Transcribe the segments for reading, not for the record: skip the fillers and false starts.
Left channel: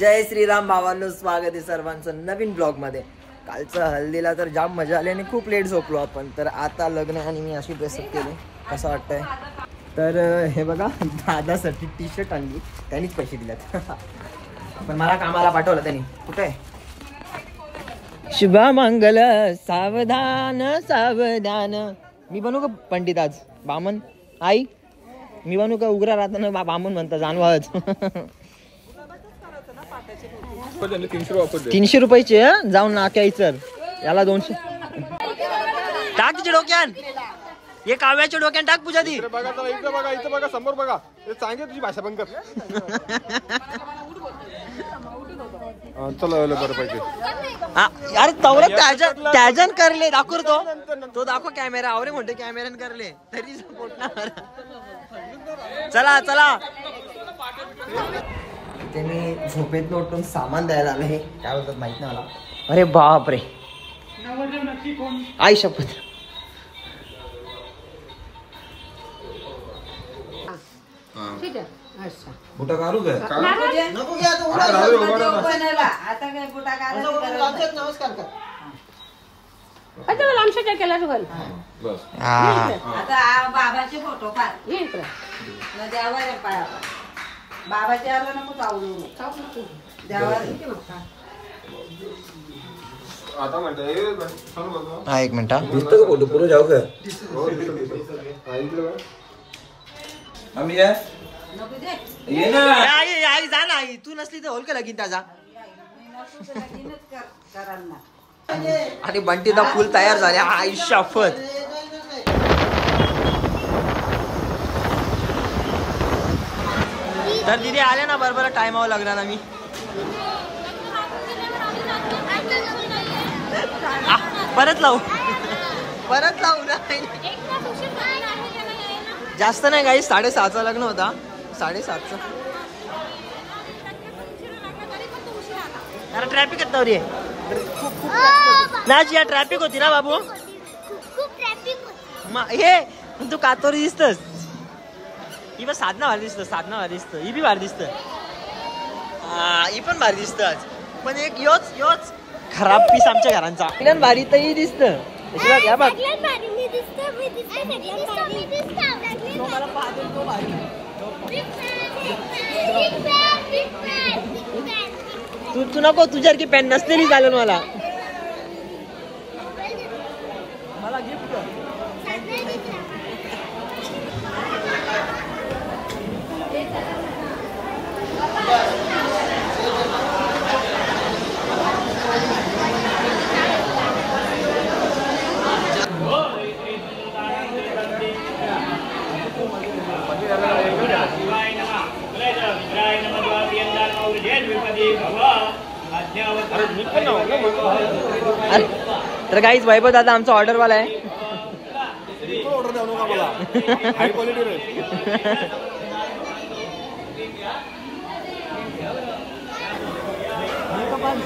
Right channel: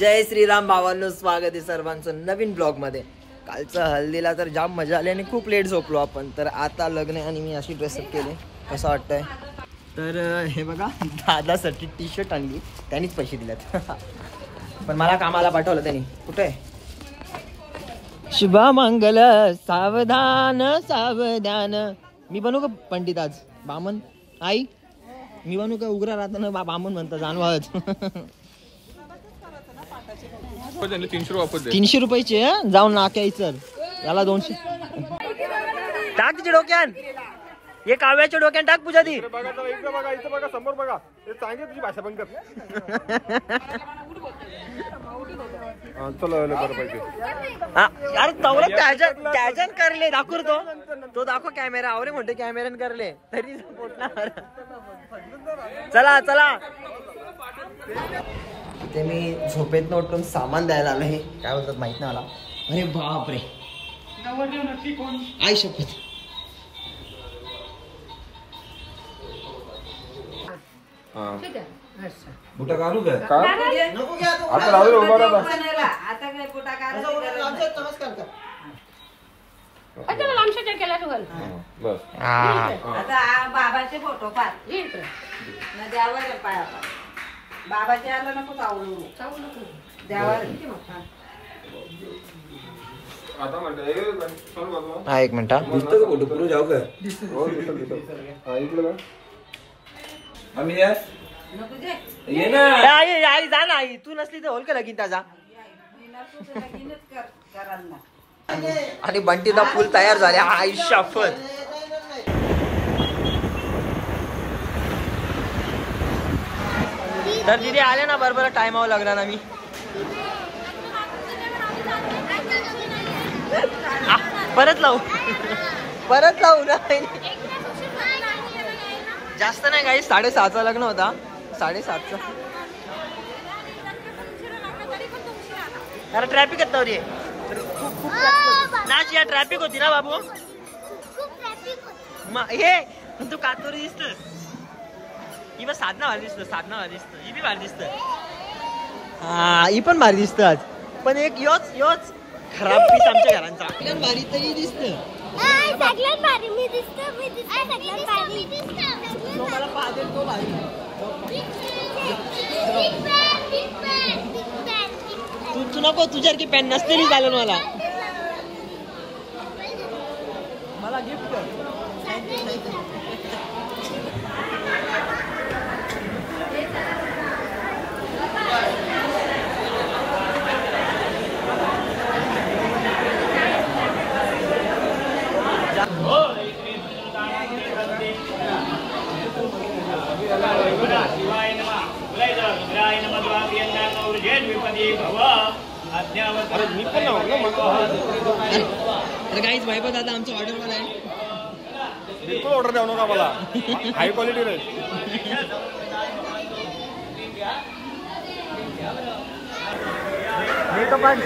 जय श्रीराम भावांनो, स्वागत आहे सर्वांचं नवीन ब्लॉग मध्ये। कालचं हल्दीला तर जाम मजा आली आणि खूप लेट झोपलो आपण। तर आता लग्न आणि मी अशी ड्रेसअप केली, कसं वाटतंय? तर हे बघा, दादासाठी टी शर्ट आणली, त्यांनीच पैसे दिलेत पण मला कामाला पाठवलं त्यांनी। कुठे शुभ मंगल सावधान सावधान। मी बनू का पंडित आज? बामन आई मी बनू का? उग्र राहताना बामन म्हणता जानवाच 300 रुपयाचे जाऊन नाक्यायचं याला 200 टाक तिच्या डोक्यान। हे काव्याच्या डोक्यान टाक पूजा दी। समोर बघा, चांगली तुझी भाषा बंद कर। अरे तवरत त्याजन करले दाखव तो दाखव कॅमेरा आवरे मोठे कॅमेऱ्यान करले तरी सपोर्ट ना। चला चला, इथे मी झोपेत उठून सामान द्यायला आलो। हे काय बोलतात माहित नाही मला। अरे बाप रे, आई शपथ। बुटा काढू द्या का? नको घ्या तो आता काय बुटा काढायचं? नमस्कार कर आता मला आमच्या काय केला बस आता बाबाचे फोटो पाठ द्यावर पाया बाबाचे आला नको चावू द्यावर आता म्हणते हा एक मिनिट दिसतो का फोटो पुढे जाऊ का? आम्ही ये ना आई आई जा ना आई, तू नसली तर होल का लगीन त्याचा। आणि बंटीदा फुल तयार झाले। आई शपथ। तर दिदी आले ना बरोबर टाइमावर लागला ना। मी परत लावू ना। जास्त नाही काही, 7:30चा लग्न होता, 7:30चा। अरे ट्रॅफिक येत नव्हती, खूप नाच या ट्रॅफिक होती ना बाबू। हे तू कातोरी दिसतस, ही पण साधना भारी दिसत, ही बी भारी दिसत, ही पण भारी दिसत आज। पण एक योच खराब पीस आमच्या घरांचा भारी तर ही दिसत। मला पाहते तो भारी। तू नको, तुझ्यासारखी पॅन नसलेली चालेल मला गिफ्ट कर। तर गाईज वैभव दादा आमचा ऑर्डर वाला आहे। ऑर्डर द्यावं नका मला, हाय क्वालिटी रे।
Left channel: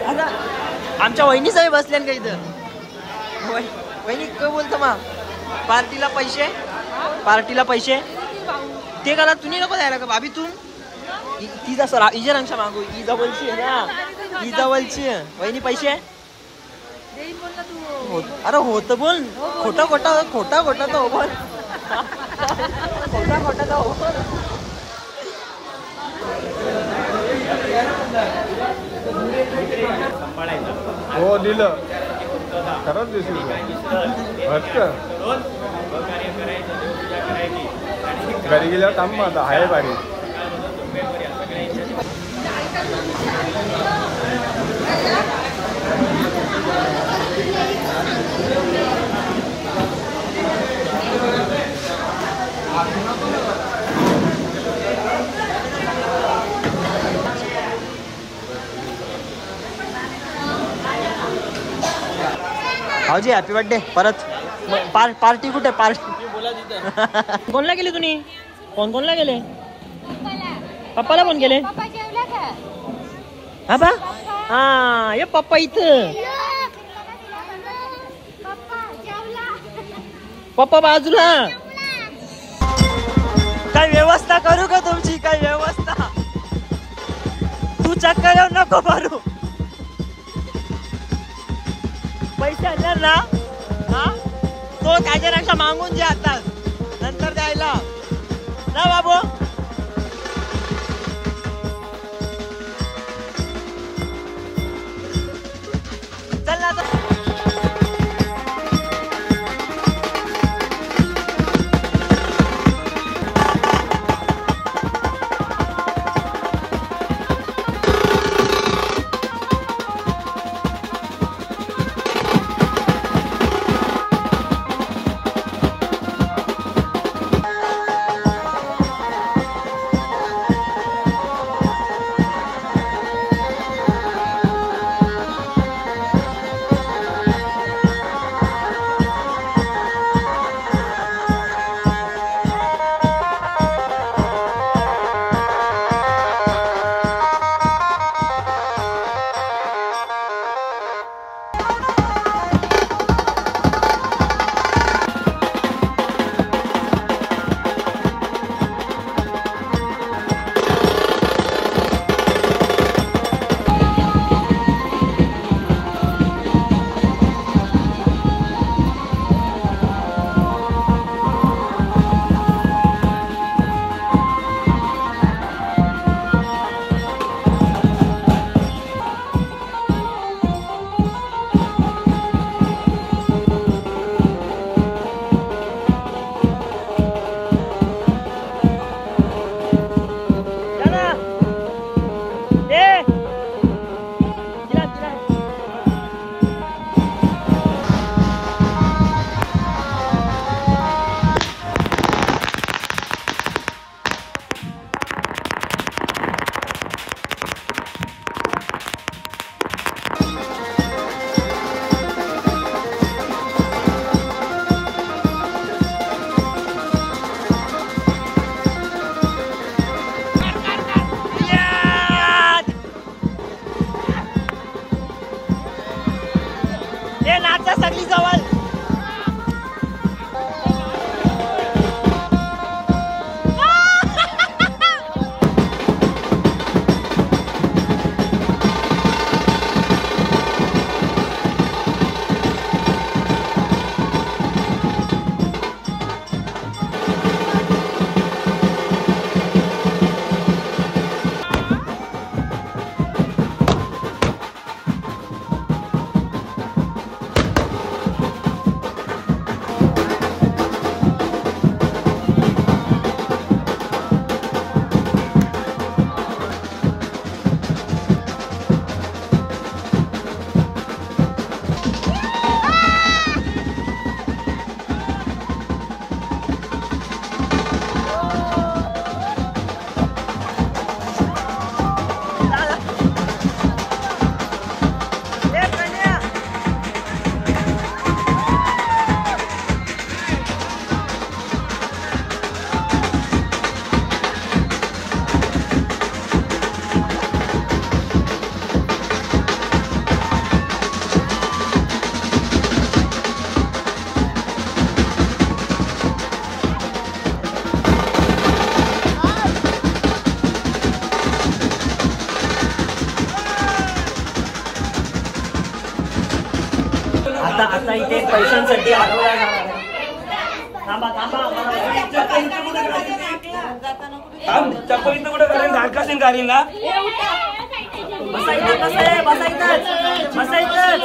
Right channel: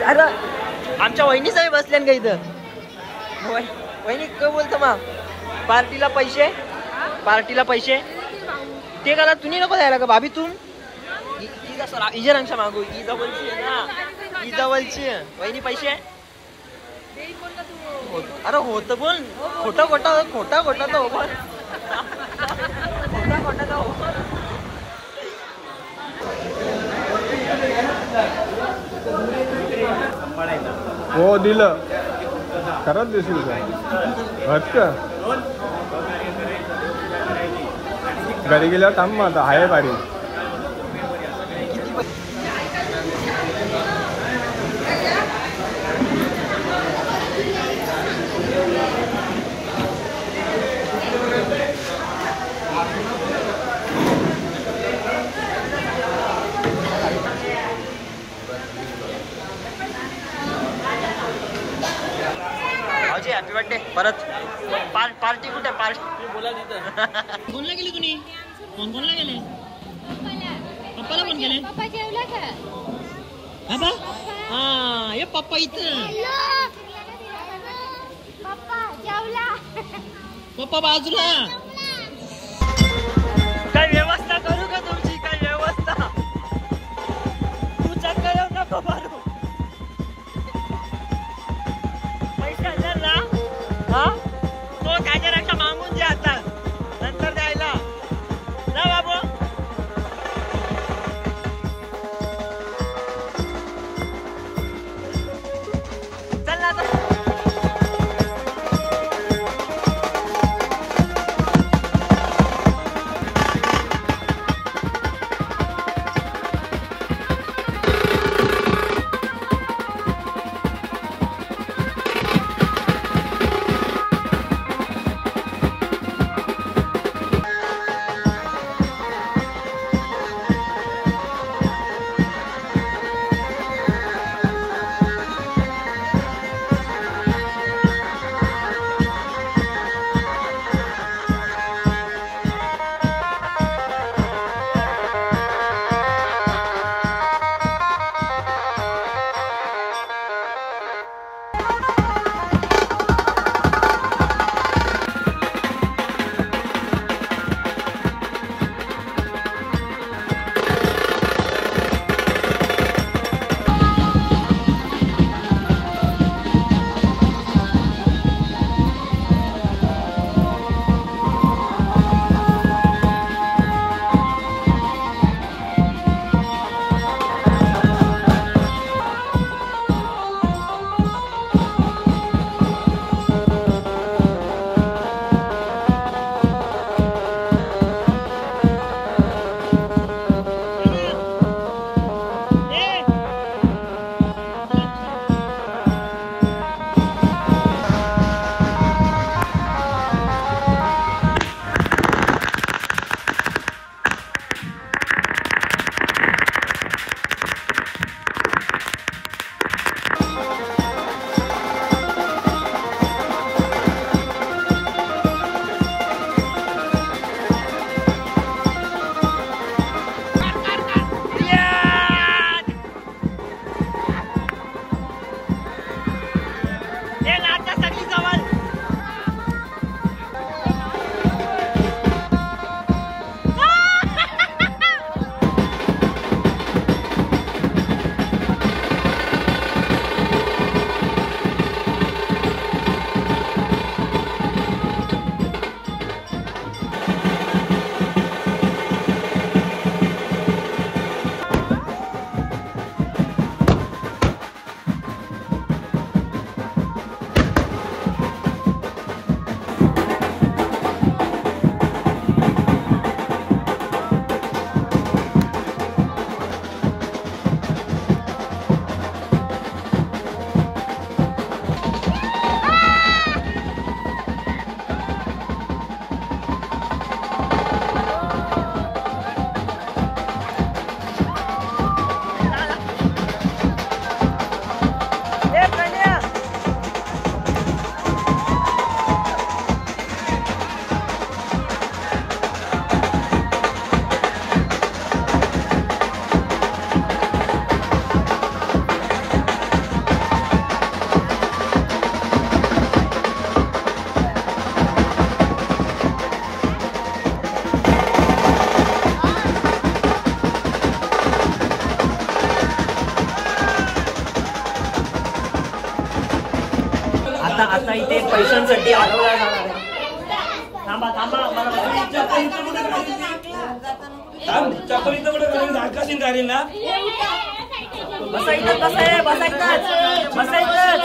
अरे आमच्या वहिनी सगळे बसल्या का इथं? वहिनी काय बोलतो मग? पार्टीला पैसे ते करा तुम्ही नको द्यायला का भाभी? तुम तिचा सर इजरांच्या मागू ही जवळची आहे ना, ही जवळची वहिनी पैसे अरे होत बोल, खोटा तो बोल, खोटा तो बोल। हो दिलं खरंच दिसलं घरी गेल्यावर सांग म्हणतो हाय पाडी। भाऊजी हॅपी बर्थडे परत। पार्टी कुठे? पार्टी बोला तिथं। कोणला गेले तुम्ही? कोणला गेले? पप्पाला फोन केले? हा बा हा ये पप्पा इथं, पप्पा बाजूला। काय व्यवस्था करू का तुमची? काय व्यवस्था? तू चक्कर येऊन नको मारू. पैसे हजार ना हा तो त्याच्यापेक्षा मागून द्या आता नंतर द्यायला ना बाबू. चल ना आता. आता आता इथे पैशांसाठी अडवला जाणार आहे. थांबा थांबा बसा इथं. कसं आहे बसा इथंच बसा इथंच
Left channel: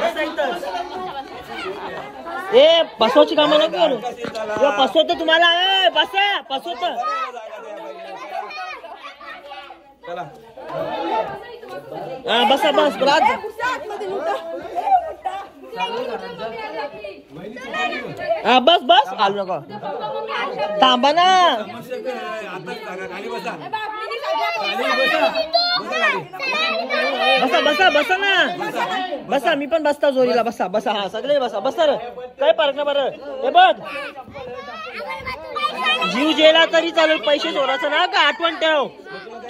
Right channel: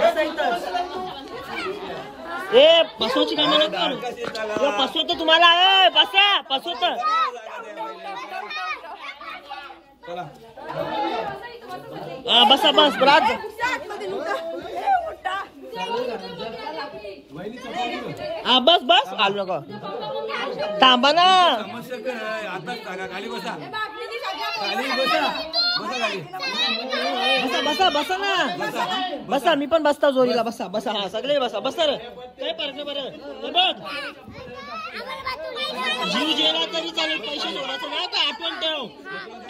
बसा इथंच. ए बसवायची कामं नको करू. बसवतो तुम्हाला. बसा बसवतो. हा बसा बस बरात. हा बस बस आलो नको. थांबा ना. बसा बसा बसा ना. बसा मी पण बसता जोरीला. बसा बसा. हा सगळे बसा. बसा रे काय फरक नाही. बरं हे बघ जीव गेला तरी चालेल पैसे चोरायचं ना का आठवण ठेव.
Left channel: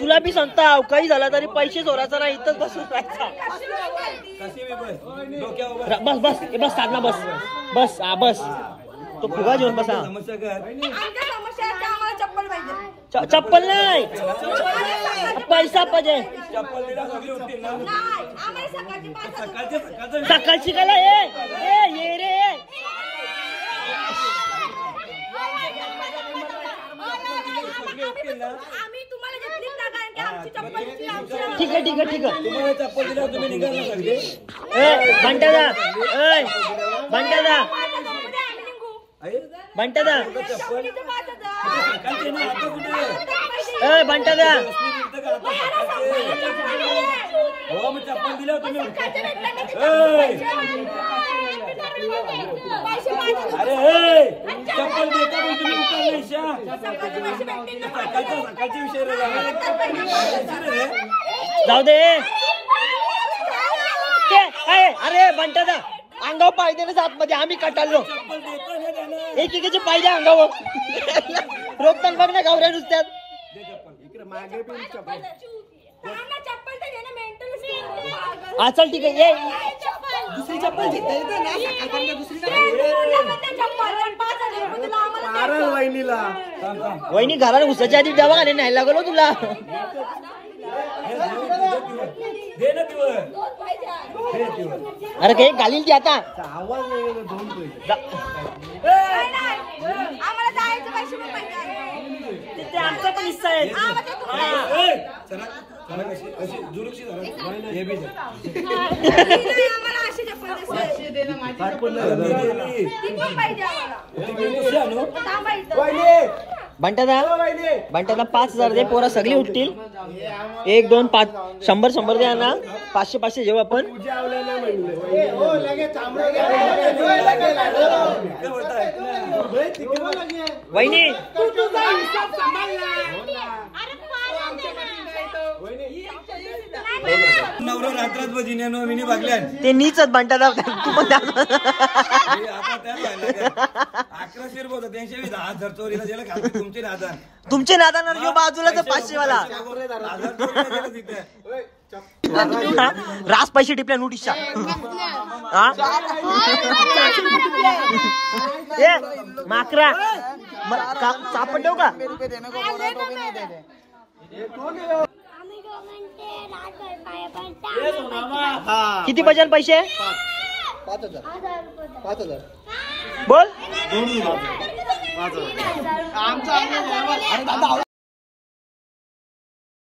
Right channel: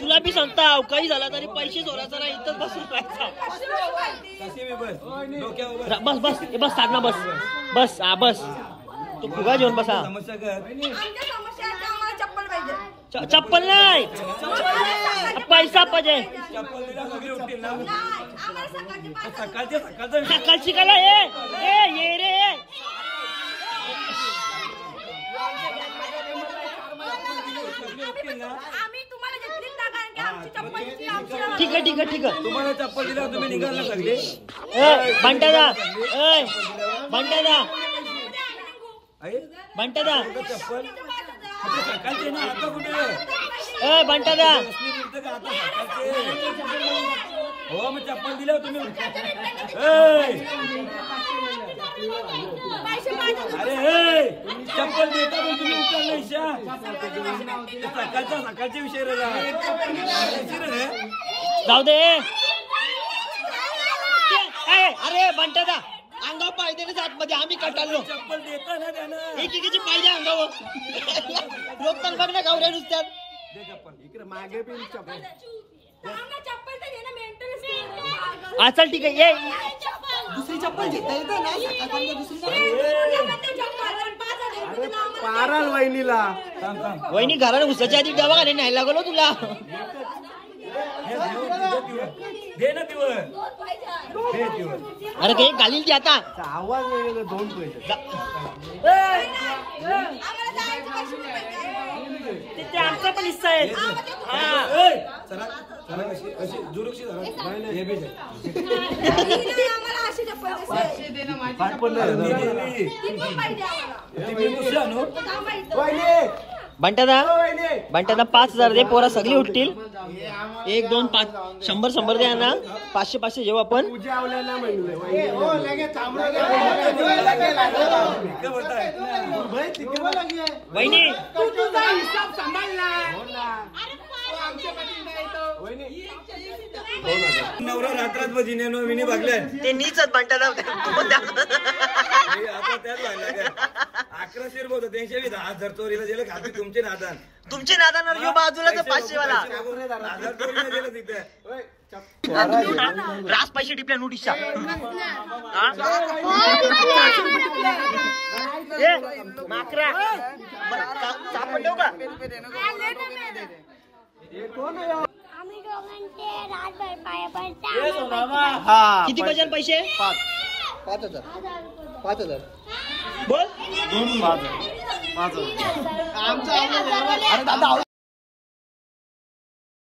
तुला बी सांगता काही झाला तरी पैसे चोरायचा ना. इथंच बसून राहायचा. बस बस बस साधना बस बस. हा बस तो फुगा घेऊन बसा. आमच्या समस्या आहेत, आम्हाला चप्पल पाहिजे. चप्पल नाही पैसा पाहिजे सकाळची कला ये रे ठीक आहे तुम्हाला चप्पल दिला तुम्ही निघाला सगळे बंटादा चप्पल सकाळचे ना आता कुठे बंटादा हो मग चप्पल दिलं तुम्ही अरे चप्पल देता पण तुम्ही सकाळचे विषय रे जाऊ दे अरे बंटादा अंगावर पायदे ना जात मध्ये आम्ही कटाळलो चप्पल देता ना का ना एकेकीचे पायदे अंगावर रोखताना बघ ना गावऱ्या नुसत्यात दे चप्पल इकडे मागे पण चप्पल चल ठीक आहे ये दुसरी चप्पल पाराल वहिनीला वहिनी घरात उसाच्या आधी डबा घाले नाही लागलो तुला दे ना दिवस अरे काही घालील ती आता आवाज वेगळा 2 पैसे ते आमचा पण हिस्सा आहे अशी दुरुक्षी हे बी बंटादा 5,000 दे पोरा सगळी उठतील 1 2 5 100 द्या ना 500 जेव्हा आपण वहिनी नवरा रात्रात बजिने मिनी भागल्या ते नीच बंटादा तू पण आता त्याच 1100 रुपये होतं 10,000 चोरीला गेलं खाली तुमचे नादान तुमचे नादान जो बाजूला तर 500 वाला 1000 चोरीला गेलं तिथे रास पैसे टिपल्या नोटीसच्या माकरा सापड देऊ का किती बजाल पैसे 5,000 बोल